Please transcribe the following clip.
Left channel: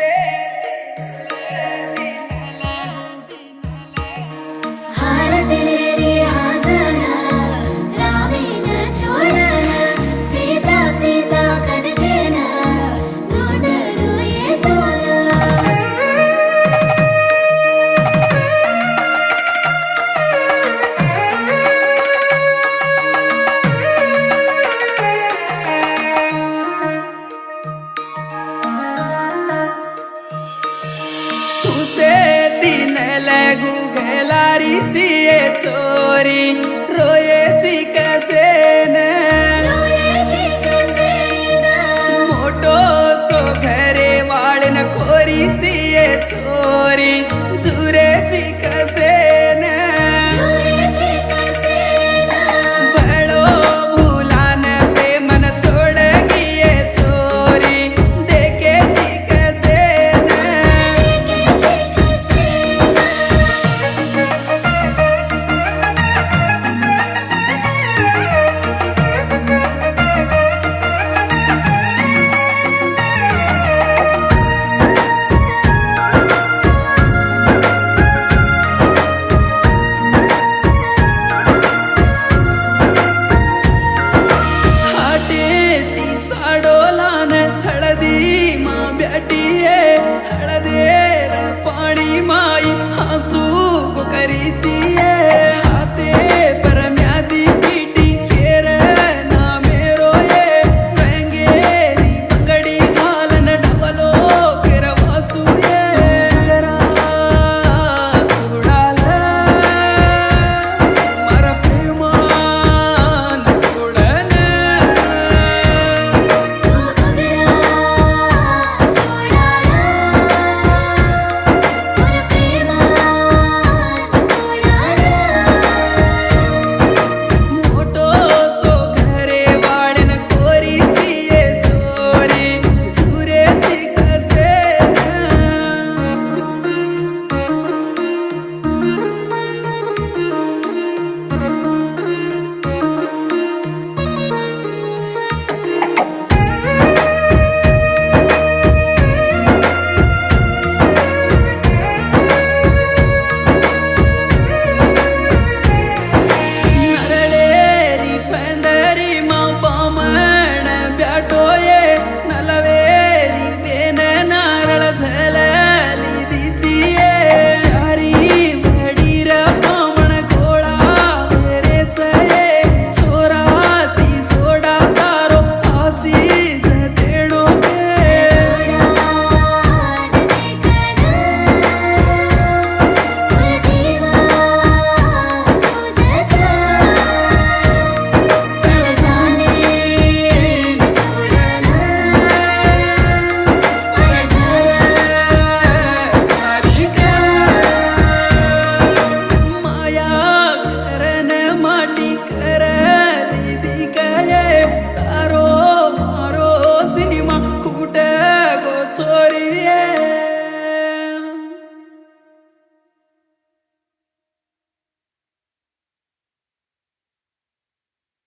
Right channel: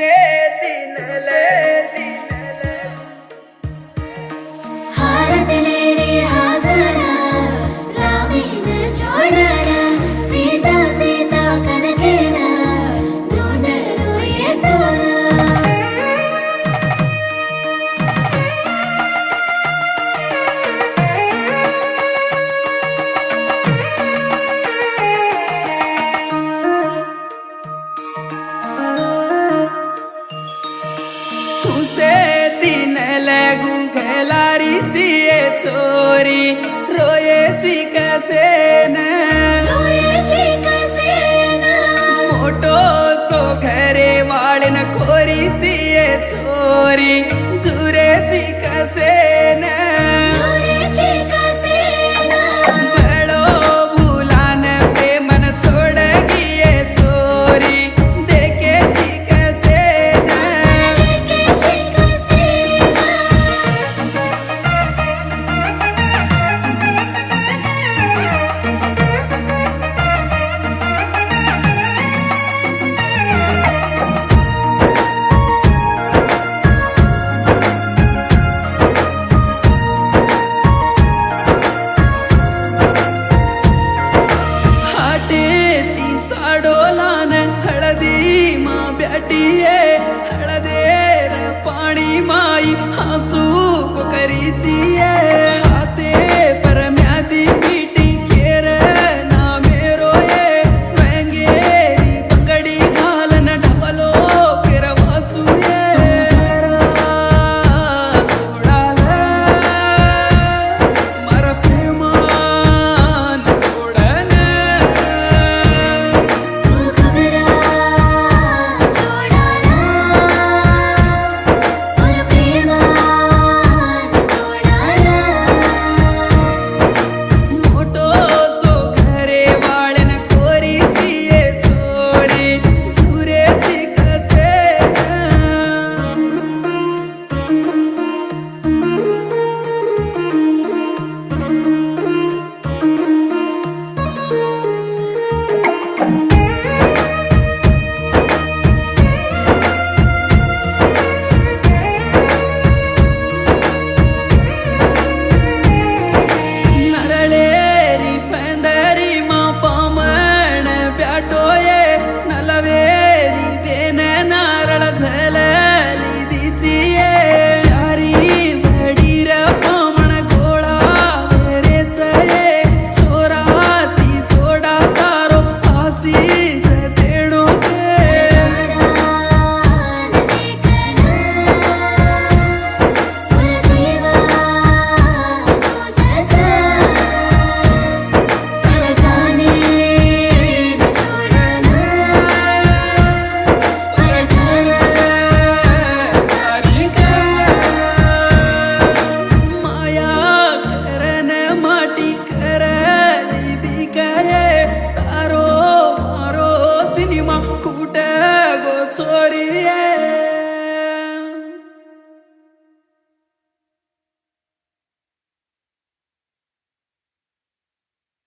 तुसे दिनले दिनले हार दिले रे हाजरा रामीन छोडरा सीता सीता कनकेरा ढूंढरो ये तोरा तुसे दिनले गुगलारीची ये चोरी रोयेची कसेन रोयेची कसेना मोठो सो घरे वाळन कोरीची ये चोरी जुरेची कसेन रोयेची कसेना बळो भुलान प्रेमन छोड गिये चोरी देखेची कसेन रोयेची कसेना हाटे ती साडोलान हळदी मा ब्याटिये हळदेर पाणी माई हसू करीची हाते परम्यादी पीटी केर ना मेरो ये वेंगेरी पगडी घालन ढवलो केर वासू सोडाला मर प्रेमान तोडन तू घगरा छोडाला और प्रेमान तोडाला मोठो सो घरे वाळन कोरीची ये चोरी झुरेची कसेन नरळेरी पंदरी मा पामण ब्याटोये नलवेरी बेन नारळ झलली दिचिये चारी वडीर पामण गोळा वेरेच ये चोराती जोडा तारो आसी जतेडो माया करन माटी करली दिकाये तारो मारो सिनेमा कुठ गो चोरी